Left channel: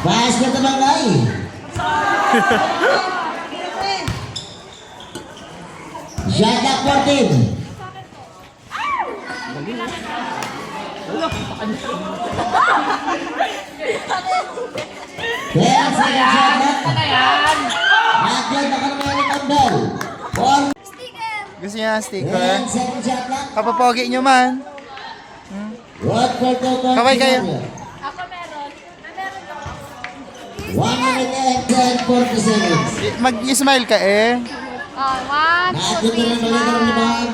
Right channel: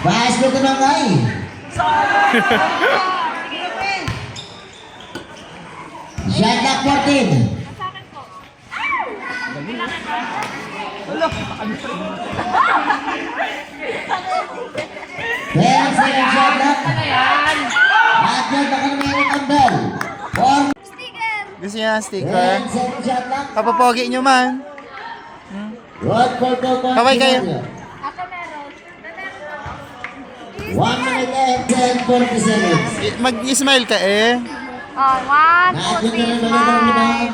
Bahas ko ito ng ay. Shot clock 14. Then, second shot clock. Nagyan baka naman ang bell. Gusto niya ang sticker? Then, second shot clock. Kapapogi nyo man. Road for 2 points. Kaway kayo. Ako meron. Meron ako. 1 minute and 10:40 seconds. Mag-smile ka eh. Oh, 1, 2, 3, smile.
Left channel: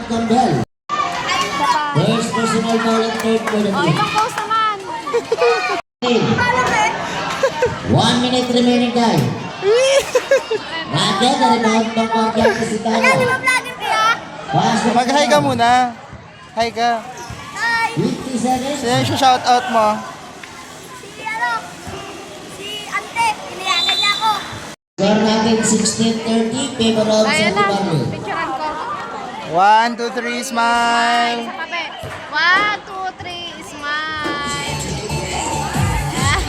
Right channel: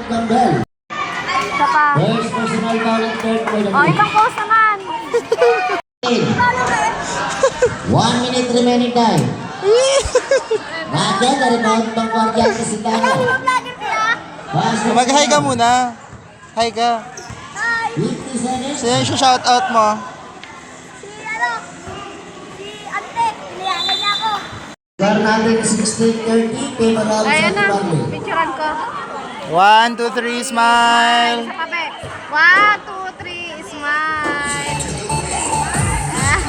Isa pa. First personal foul at third quarter. Oh, ibang post naman. 1 minute remaining time. Nagyan na rebound pang Pagyan kasi Wala, di tayo. ba vlogger kaya? Mag-hi ka muna. Hi ka. Hi. 50 seconds. Sino yung shoutout mo? Si Ante, iniyagan niya ako. Score natin 16-30. Favor of Ayan na, San Pablo. picturean ko. 1, 2, 3, smile. Sa kape. 1, 2, 3, smile.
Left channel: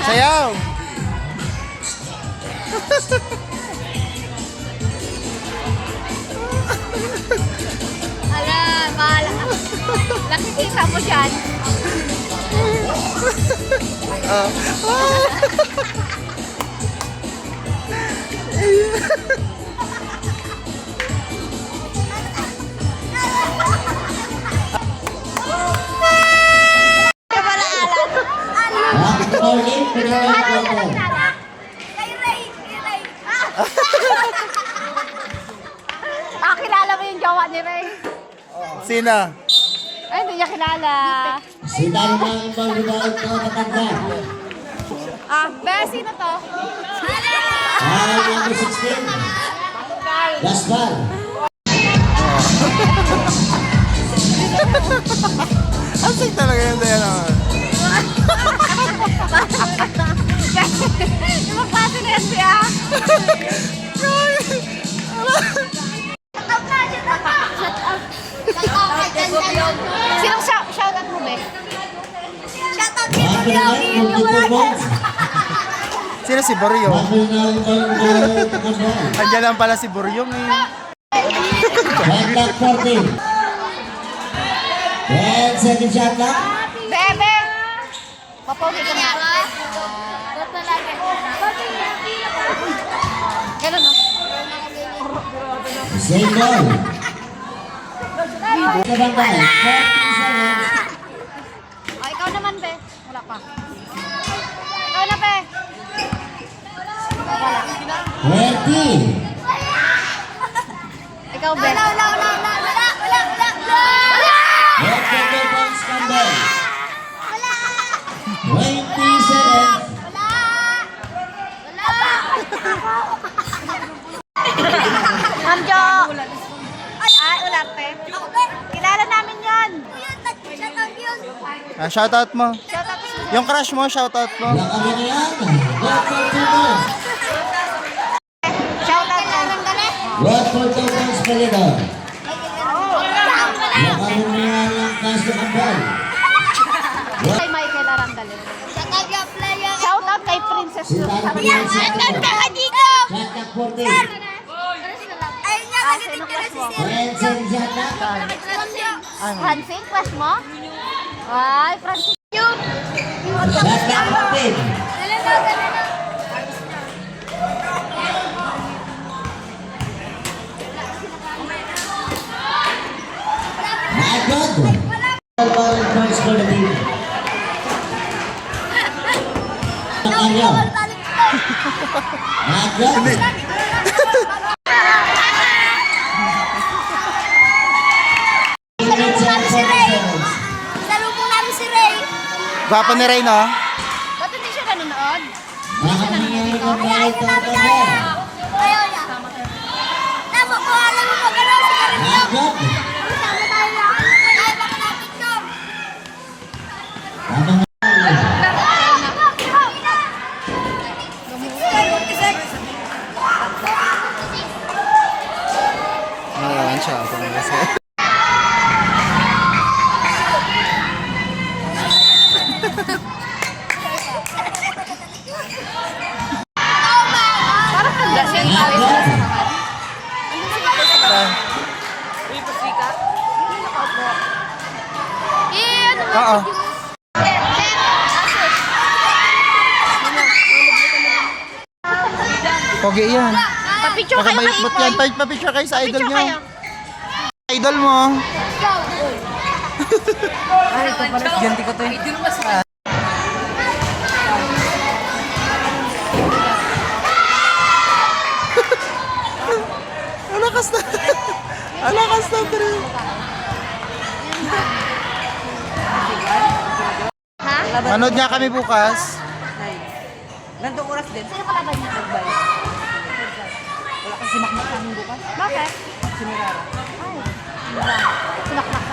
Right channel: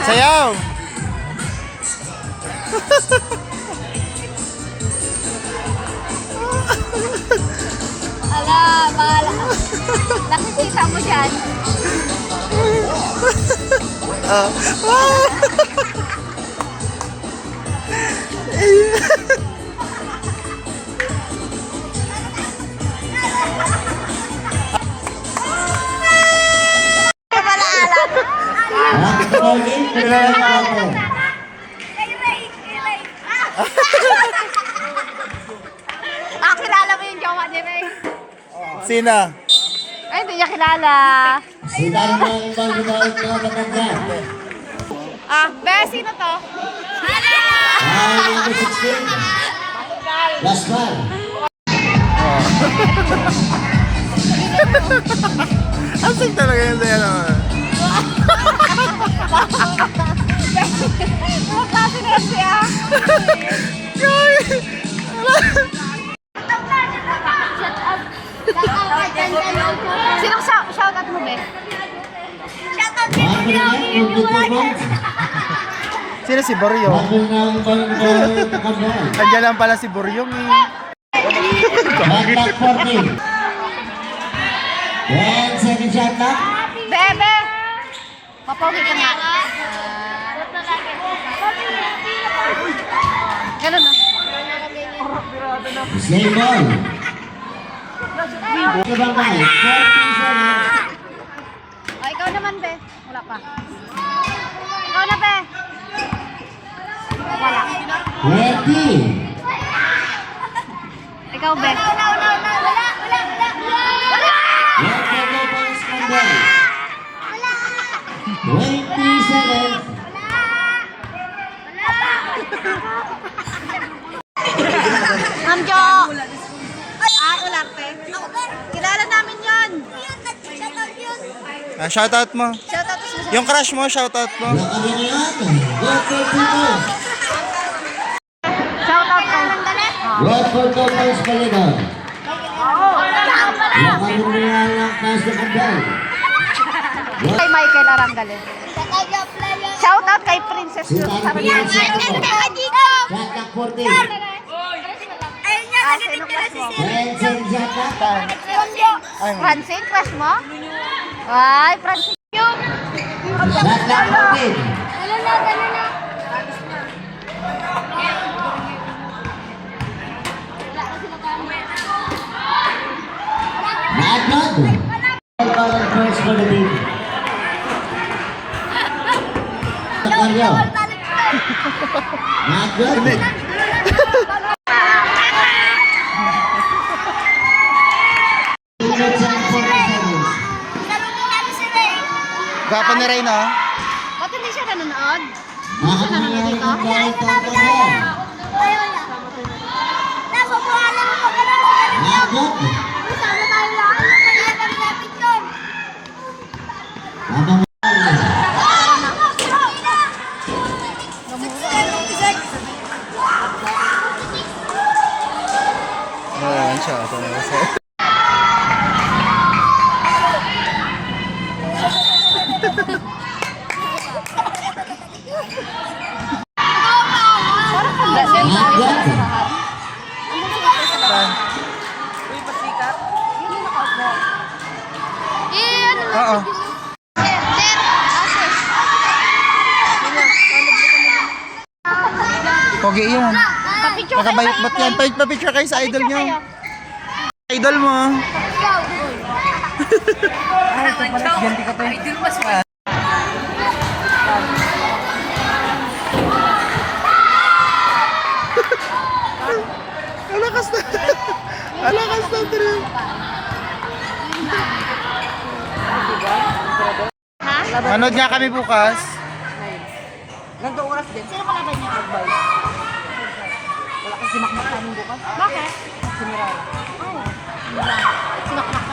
Sayaw. Ala, bahala. Nakikita mo dyan. Kamalaalan. Back to ball game. Personal quarter. Kay Ray, kay Ray. Kilala mo yung jowa ni Ray? Sino? Ay, hindi niya kilala. Sinan mo ang ibang rebound na matanda. Be, sino to? Foul number 16. Last ball. Asig talaga yun sa'yo naman. Yung klase na siya. Sinong shoutout mo, Be? Shoutout kay Boryo. Yun yung wala dyan. Sino si Boryong? Bago na ang ibang rebound na matanda. Andiyan lang pala si Boryong eh. Shot clock 14. Then, second shot clock. Bebe! Papogi ka nga. Ganun, no? Same ball. Kabangkay. 40 seconds. O, ikaw naman, Be. Wala pa. Ikaw na, Be. Wala. 20. Ikaw, Be. Wala. Let the two points come down. 20 seconds. Ma'am Jo. Ay, ularte. Kilala namin yon. Shoutout mo. Shoutout sa Yung crush mo, shoutout mo. Nakabili na yan. Road for 2 points. Shoutout ka lang dali. Road for 2 points pa rin doon. Nakabili na yan ang cast ng bell. Kay Michael Arandale. Shoutout kay Princess Si Luz. Tanpili ang second shot. Shot clock 14. Sino crush mo? Then, second shot clock. Francine, crush mo? Ay, Francine. Shot clock 15. Not good. Foul points for the team. Mario. Not good. Minutes and 40 seconds. Salubong namin si Ray. Gwapo ni Ray, no? Ba't hindi siya nanonood? Nakakabili na ang bell for the team. Not good. Habang Ayan siya. Pogi yan. Papicture kayo. Nakabayot-bot yan. Pa-picture kayo sa idol nyo. Idol mo. Ganti ko to eh. Alakas na. Alakas na, Tri. Ha? Manood nga kami bukas. Ganto oras din. Sino kalaban niya? Nagbay. Wala kasi makmak namin bukas. Bakit? Si Mirara. Ay, sinakmak